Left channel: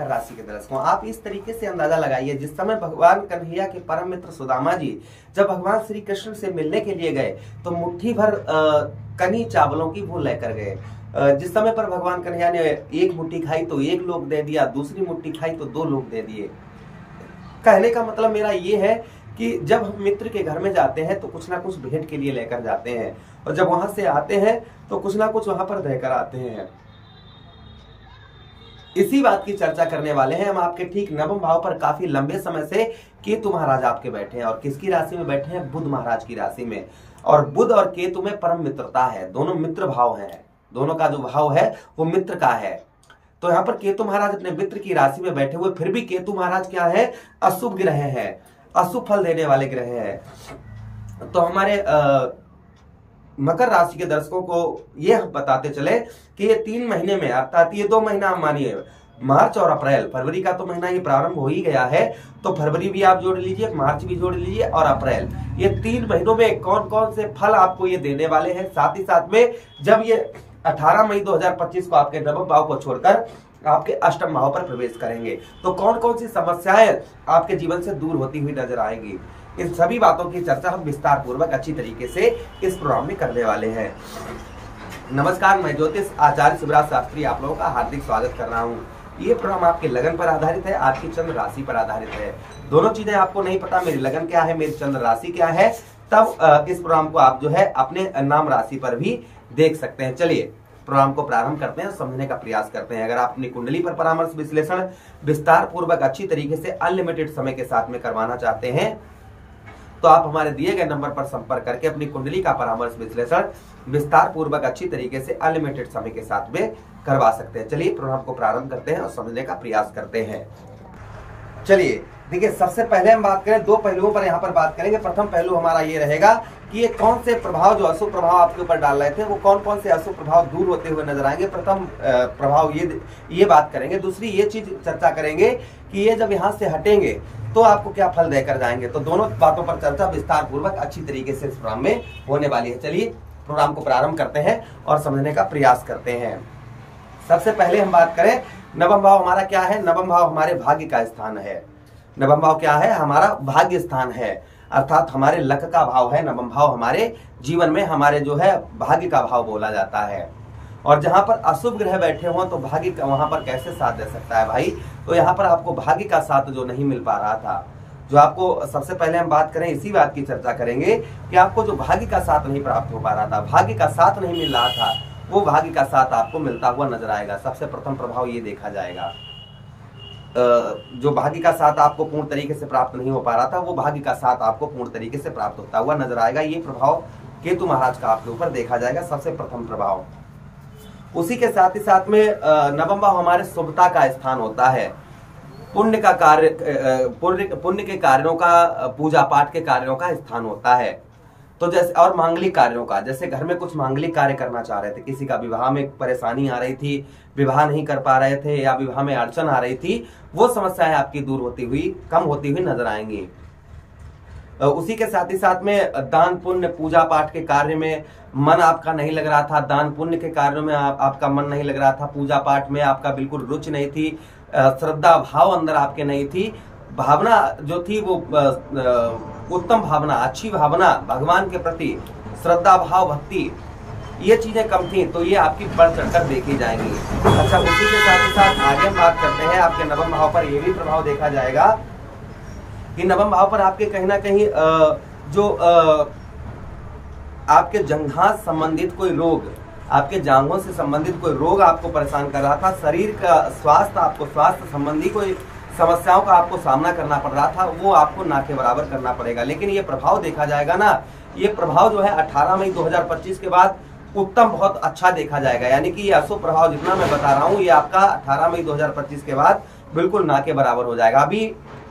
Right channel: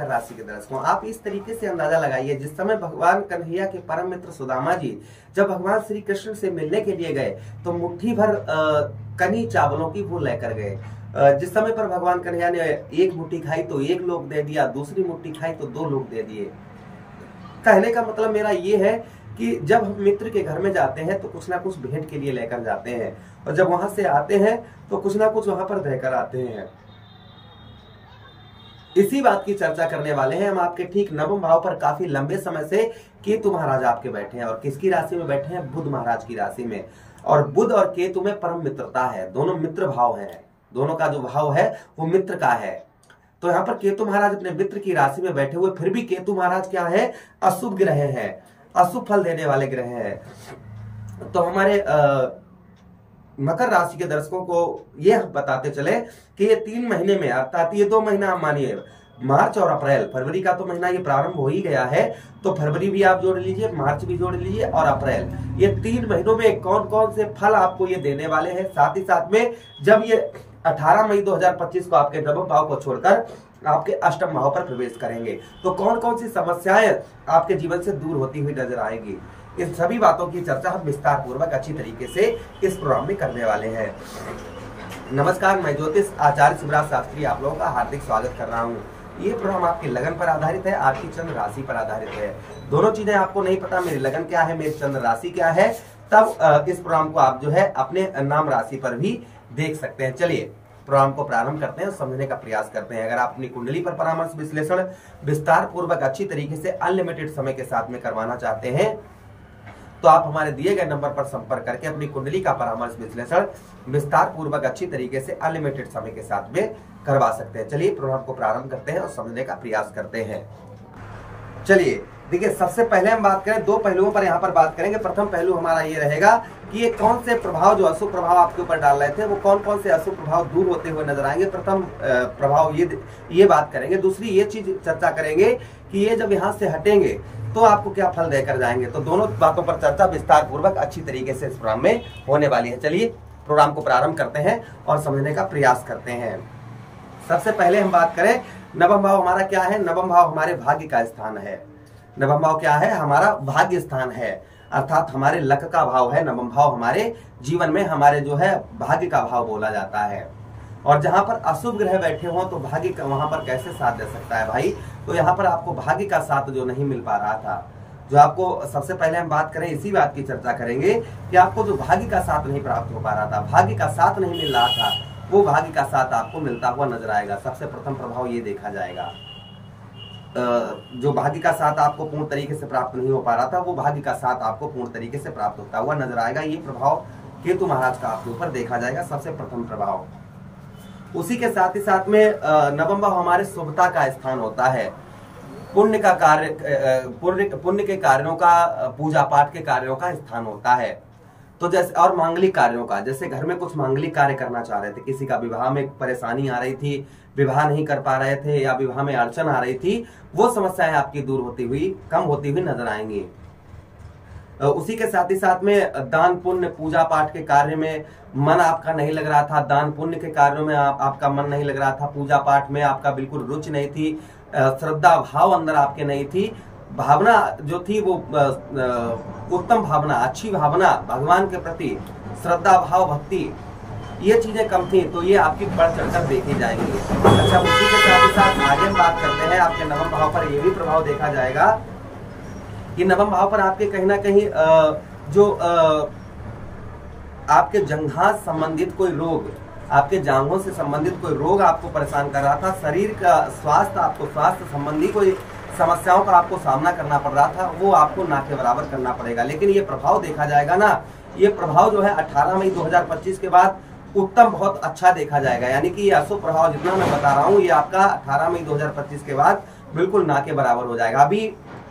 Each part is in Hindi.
मकर राशि के दर्शकों, आप इस तरीके से अंदाजा लगाइए, जिस समय भगवान कन्हैया के परम मित्र सुदामा जी जब भगवान श्री कृष्ण से मिलने के लिए गए तो मुट्ठी भर कनी चावलों की वो लेकर गए। जिस समय पर भगवान कन्हैया ने एक मुट्ठी खाई तो एक लोग दे दिया, दूसरी मुट्ठी खाई तो दो लोग दे दिए। कहने का मतलब मेरा ये है कि जब हम मित्र के घर में जाते हैं तो कुछ ना कुछ भेंट के लिए लेकर जाते हैं, और जब वहां से आते हैं तो कुछ ना कुछ वहां पर देकर आते हैं। इसी बात की चर्चा करने वाले हैं हम। आपके ठीक नवम भाव पर काफी लंबे समय से केतु महाराज आपके बैठे हैं, और किसकी राशि में बैठे हैं? बुध महाराज की राशि में। और बुध और केतु में परम मित्रता है, दोनों मित्र भाव हैं, दोनों का जो भाव है वो मित्र का है। तो यहाँ पर केतु महाराज अपने मित्र की राशि में बैठे हुए, फिर भी केतु महाराज क्या है? अशुभ ग्रह हैं, अशुभ फल देने वाले ग्रह हैं। तो हमारे मकर राशि के दर्शकों को ये बताते चले कि ये 3 महीने में, अर्थात ये 2 महीना हम मानिए, मार्च और अप्रैल, फरवरी का तो महीना ये प्रारंभ हो ही गया है, तो फरवरी भी आप जोड़ लीजिए, मार्च भी जोड़ लीजिए और अप्रैल, ये 3 महीनों में कौन कौन से फल आपको ये देने वाले हैं। साथ ही साथ में जब ये 18 मई 2025 को आपके नवम भाव को छोड़कर आपके अष्टम भाव पर प्रवेश करेंगे तो कौन कौन सी समस्याएं आपके जीवन से दूर होती हुई नजर आएंगी, इन सभी बातों की चर्चा हम विस्तार पूर्वक अच्छी तरीके से इस प्रोग्राम में करने वाले हैं। नमस्कार, मैं ज्योतिष आचार्य शिवराज शास्त्री आप लोगों का हार्दिक स्वागत कर रहा हूं। ये प्रोग्राम आपके लगन पर आधारित है, आपकी चंद्र राशि पर आधारित है। दोनों चीजें आपको नहीं पता मेरी लगन क्या है, मेरी चंद्र राशि क्या है, तब इस प्रोग्राम को आप जो है अपने नाम राशि पर भी देख सकते हैं। चलिए प्रोग्राम को प्रारंभ करते हैं, समझने का प्रयास करते हैं। अगर आप अपनी कुंडली पर परामर्श विश्लेषण विस्तार पूर्वक अच्छी तरीके से अनलिमिटेड समय के साथ में करवाना चाहते हैं तो आप हमारे दिए गए नंबर पर संपर्क करके अपनी कुंडली का परामर्श विश्लेषण विस्तार पूर्वक अच्छी तरीके से अनलिमिटेड समय के साथ में करवा सकते हैं। चलिए प्रोग्राम को प्रारंभ करते हैं और समझने का प्रयास करते हैं। चलिए देखिए, सबसे पहले हम बात करें 2 पहलुओं पर यहाँ पर बात करेंगे। प्रथम पहलू हमारा ये रहेगा कि ये कौन से प्रभाव, जो अशुभ प्रभाव आपके ऊपर डाल रहे थे, वो कौन कौन से अशुभ प्रभाव दूर होते हुए नजर आएंगे। प्रथम प्रभाव ये बात करेंगे। दूसरी ये चीज चर्चा करेंगे कि ये जब यहाँ से हटेंगे तो आपको क्या फल देकर जाएंगे। तो दोनों बातों पर चर्चा विस्तार पूर्वक अच्छी तरीके से इस प्रोग्राम में होने वाली है। चलिए प्रोग्राम को प्रारंभ करते हैं और समझने का प्रयास करते हैं। सबसे पहले हम बात करें, नवम भाव हमारा क्या है? नवम भाव हमारे भाग्य का स्थान है। नवम भाव क्या है? हमारा भाग्य स्थान है, अर्थात हमारे लक का भाव है। नवम भाव हमारे जीवन में हमारे जो है भाग्य का भाव बोला जाता है। और जहां पर अशुभ ग्रह बैठे हों तो भाग्य का वहां पर कैसे साथ दे सकता है भाई? तो यहाँ पर आपको भाग्य का साथ जो नहीं मिल पा रहा था, जो आपको, सबसे पहले हम बात करें, इसी बात की चर्चा करेंगे कि आपको जो भाग्य का साथ नहीं प्राप्त हो पा रहा था, भाग्य का साथ नहीं मिल रहा था, वो भाग्य का साथ आपको मिलता हुआ नजर आएगा। सबसे प्रथम प्रभाव ये देखा जाएगा। जो भाग्य का साथ आपको पूर्ण तरीके से प्राप्त नहीं हो पा रहा था, वो भाग्य का साथ आपको पूर्ण तरीके से प्राप्त होता हुआ नजर आएगा। ये प्रभाव केतु महाराज का आपके ऊपर देखा जाएगा, सबसे प्रथम प्रभाव। उसी के साथ ही साथ में नवम भाव हमारे शुभता का स्थान होता है, पुण्य का कार्य, पुण्य के कार्यों का, पूजा पाठ के कार्यों का स्थान होता है। तो जैसे, और मांगलिक कार्यों का, जैसे घर में कुछ मांगलिक कार्य करना चाह रहे थे, किसी का विवाह में परेशानी आ रही थी, विवाह नहीं कर पा रहे थे, या विवाह में अड़चन आ रही थी, वो समस्याएं आपकी दूर होती हुई, कम होती हुई नजर आएंगी। उसी के साथ ही साथ में दान पुण्य पूजा पाठ के कार्य में मन आपका नहीं लग रहा था, दान पुण्य के कार्यों में आपका मन नहीं लग रहा था, पूजा पाठ में आपका बिल्कुल रुचि नहीं थी, श्रद्धा भाव अंदर आपके नहीं थी, भावना जो थी वो उत्तम भावना, अच्छी भावना भगवान के प्रति, श्रद्धा भाव भक्ति, ये चीजें कम थी, तो ये आपकी बढ़ चढ़कर देखी जाएंगी। अच्छा, उसी के साथ ही साथ आगे हम बात करते हैं, आपके नवम भाव पर यह भी प्रभाव देखा जाएगा कि नवम भाव पर आपके कहीं ना कहीं जो आपके जंघां संबंधित कोई रोग, आपके जांघों से संबंधित कोई रोग आपको परेशान कर रहा था, शरीर का स्वास्थ्य, आपको स्वास्थ्य संबंधी कोई समस्याओं का आपको सामना करना पड़ रहा था, वो आपको ना के बराबर करना पड़ेगा। लेकिन ये प्रभाव देखा जाएगा ना, ये प्रभाव जो है 18 मई 2025 के बाद उत्तम, बहुत अच्छा देखा जाएगा। यानी कि ये अशुभ प्रभाव जितना मैं बता रहा हूँ, ये आपका 18 मई 2025 के बाद बिल्कुल ना के बराबर हो जाएगा। अभी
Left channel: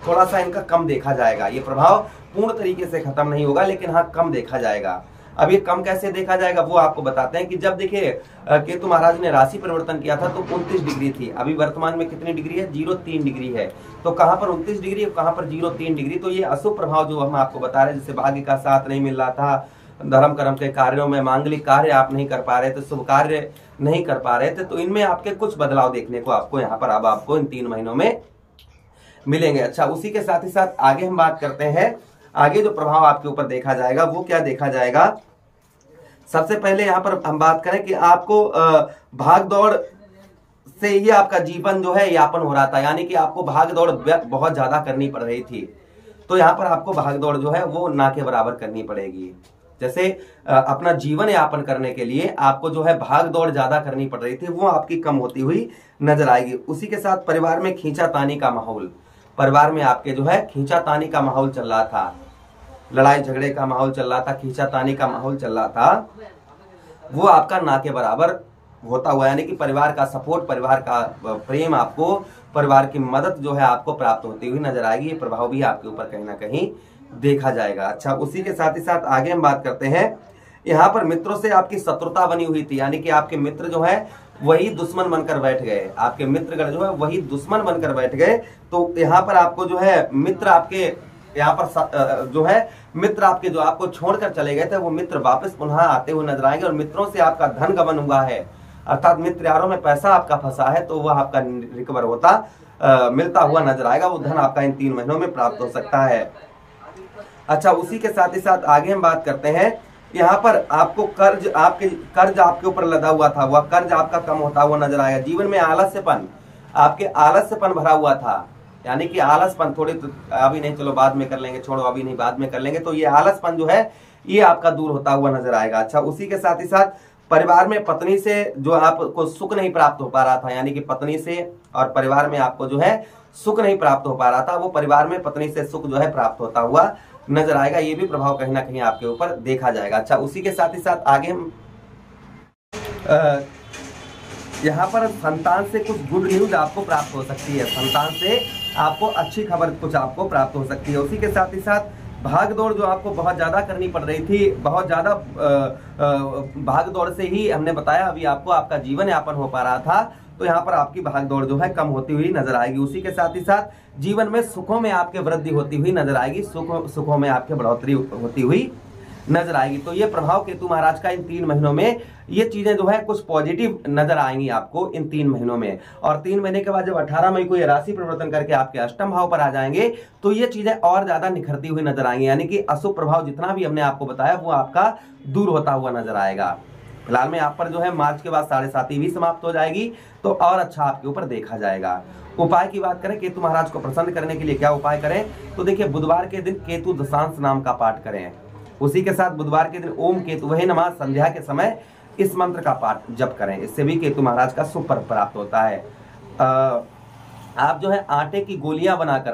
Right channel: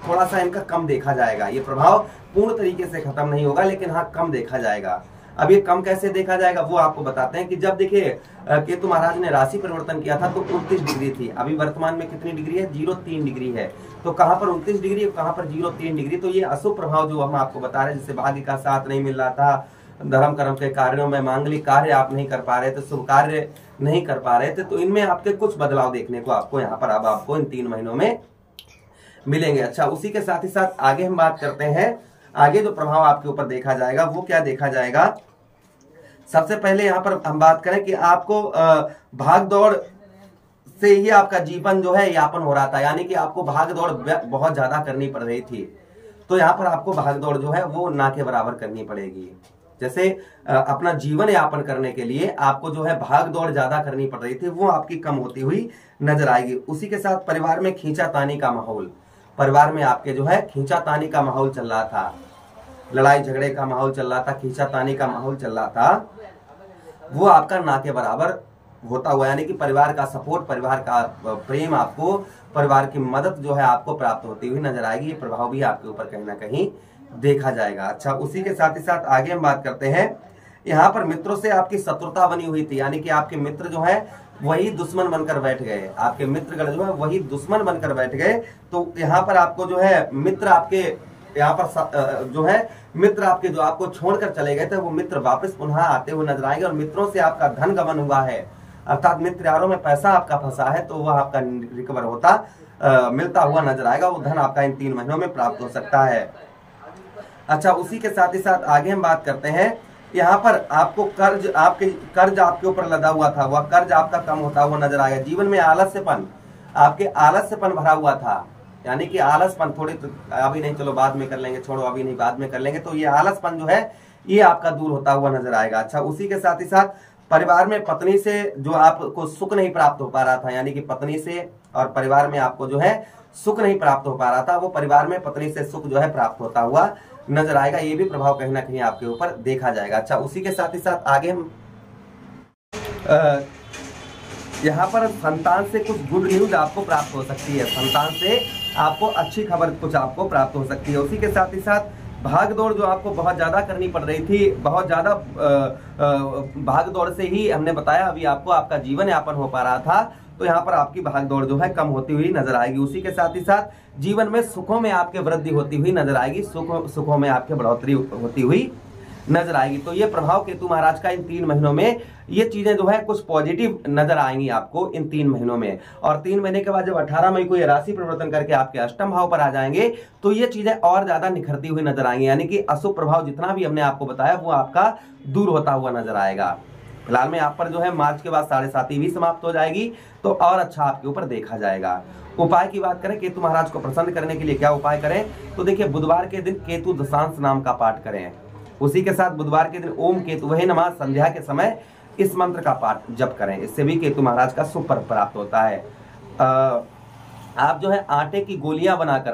थोड़ा सा इनका कम देखा जाएगा, ये प्रभाव पूर्ण तरीके से खत्म नहीं होगा, लेकिन हाँ कम देखा जाएगा। अब ये कम कैसे देखा जाएगा वो आपको बताते हैं कि जब देखिए केतु महाराज ने राशि परिवर्तन किया था तो 29 डिग्री थी, अभी वर्तमान में कितनी डिग्री है? 0.3 डिग्री है। तो कहां पर 29 डिग्री और कहां पर 0.3 डिग्री? तो ये अशुभ प्रभाव जो हम आपको बता रहे हैं, जिससे भाग्य का साथ नहीं मिल रहा था, धर्म कर्म के कार्यों में, मांगलिक कार्य आप नहीं कर पा रहे थे, शुभ कार्य नहीं कर पा रहे थे, तो इनमें आपके कुछ बदलाव देखने को आपको यहाँ पर अब आपको इन 3 महीनों में मिलेंगे। अच्छा, उसी के साथ ही साथ आगे हम बात करते हैं, आगे जो प्रभाव आपके ऊपर देखा जाएगा वो क्या देखा जाएगा। सबसे पहले यहाँ पर हम बात करें कि आपको भाग दौड़ से ही आपका जीवन जो है यापन हो रहा था, यानी कि आपको भाग दौड़ बहुत ज्यादा करनी पड़ रही थी, तो यहाँ पर आपको भाग दौड़ जो है वो ना के बराबर करनी पड़ेगी। जैसे अपना जीवन यापन करने के लिए आपको जो है भाग दौड़ ज्यादा करनी पड़ रही थी, वो आपकी कम होती हुई नजर आएगी। उसी के साथ परिवार में खींचातानी का माहौल, परिवार में आपके जो है खींचातानी का माहौल चल रहा था, लड़ाई झगड़े का माहौल चल रहा था, खींचातानी का माहौल चल रहा था, वो आपका ना के बराबर होता हुआ, यानी कि परिवार का सपोर्ट, परिवार का प्रेम, आपको परिवार की मदद जो है आपको प्राप्त होती हुई नजर आएगी। ये प्रभाव भी आपके ऊपर कहीं ना कहीं देखा जाएगा। अच्छा, उसी के साथ ही साथ आगे हम बात करते हैं, यहाँ पर मित्रों से आपकी शत्रुता बनी हुई थी, यानी कि आपके मित्र जो है वही दुश्मन बनकर बैठ गए, आपके मित्रगण जो है वही दुश्मन बनकर बैठ गए। तो यहाँ पर आपको जो है मित्र आपके यहाँ पर जो है मित्र आपके जो आपको छोड़कर चले गए थे, वो मित्र वापस पुनः आते हुए नजर आएंगे। और मित्रों से आपका धन गमन हुआ है, अर्थात मित्र यारों में पैसा आपका फंसा है, तो वह आपका रिकवर होता मिलता हुआ नजर आएगा। वो धन आपका इन 3 महीनों में प्राप्त हो सकता है। अच्छा, उसी के साथ ही साथ आगे हम बात करते हैं, यहाँ पर आपको कर्ज आपके ऊपर लदा हुआ था, वह कर्ज आपका कम होता हुआ नजर आएगा। जीवन में आलस्यपन, आपके आलस्यपन भरा हुआ था, यानी कि आलसपन, थोड़ी तो अभी नहीं, चलो बाद में कर लेंगे, छोड़ो अभी नहीं बाद में कर लेंगे, तो ये आलसपन जो है ये आपका दूर होता हुआ नजर आएगा। अच्छा, उसी के साथ ही साथ परिवार में पत्नी से जो आपको सुख नहीं प्राप्त हो पा रहा था, यानी कि पत्नी से और परिवार में आपको जो है सुख नहीं प्राप्त हो पा रहा था, वो परिवार में पत्नी से सुख जो है प्राप्त होता हुआ नजर आएगा। ये भी प्रभाव कहीं ना कहीं आपके ऊपर देखा जाएगा। अच्छा, उसी के साथ ही साथ आगे हम यहाँ पर संतान से कुछ गुड न्यूज आपको प्राप्त हो सकती है, संतान से आपको अच्छी खबर कुछ आपको प्राप्त हो सकती है। उसी के साथ ही साथ भाग दौड़ जो आपको बहुत ज्यादा करनी पड़ रही थी, बहुत ज्यादा भाग दौड़ से ही हमने बताया अभी आपको आपका जीवन यापन हो पा रहा था, तो यहाँ पर आपकी भाग दौड़ जो है कम होती हुई नजर आएगी। उसी के साथ ही साथ जीवन में सुखों में आपके वृद्धि होती हुई नजर आएगी, सुखों में आपके बढ़ोतरी होती हुई नजर आएगी। तो ये प्रभाव केतु महाराज का इन 3 महीनों में, ये चीजें जो है कुछ पॉजिटिव नजर आएंगी आपको इन 3 महीनों में। और 3 महीने के बाद जब 18 मई को ये राशि परिवर्तन करके आपके अष्टम भाव पर आ जाएंगे, तो ये चीजें और ज्यादा निखरती हुई नजर आएंगी, यानी कि अशुभ प्रभाव जितना भी हमने आपको बताया वो आपका दूर होता हुआ नजर आएगा। फिलहाल में आप पर जो है मार्च के बाद 7.5 भी समाप्त हो जाएगी, तो और अच्छा आपके ऊपर देखा जाएगा। उपाय की बात करें, केतु महाराज को प्रसन्न करने के लिए क्या उपाय करें, तो देखिए बुधवार के दिन केतु दशांश नाम का पाठ करें। उसी के साथ बुधवार के दिन ओम केतुवे नमः संध्या के समय इस मंत्र का पाठ जप करें, इससे भी केतु महाराज का शुभ फल प्राप्त होता है। आप जो है आटे की गोलियां बनाकर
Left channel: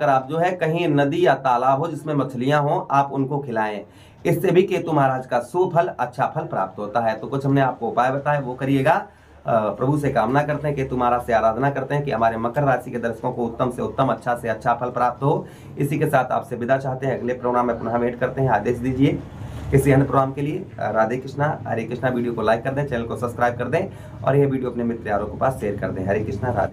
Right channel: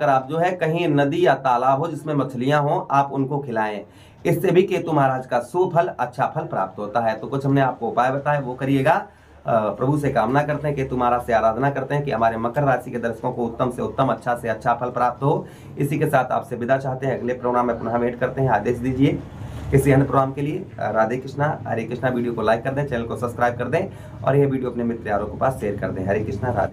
आप जो है कहीं नदी या तालाब हो जिसमें मछलियां हो, आप उनको खिलाएं, इससे भी केतु महाराज का शुभ फल, अच्छा फल प्राप्त होता है। तो कुछ हमने आपको उपाय बताए, वो करिएगा। प्रभु से कामना करते हैं, केतु महाराज से आराधना करते हैं कि हमारे मकर राशि के दर्शकों को उत्तम से उत्तम, अच्छा से अच्छा फल प्राप्त हो। इसी के साथ आपसे विदा चाहते हैं, अगले प्रोग्राम में पुनः वेट करते हैं, आदेश दीजिए किसी अन्य प्रोग्राम के लिए। राधे कृष्णा, हरे कृष्णा। वीडियो को लाइक कर दें, चैनल को सब्सक्राइब कर दें और यह वीडियो अपने मित्र यारों के पास शेयर कर दें। हरे कृष्णा, राधे।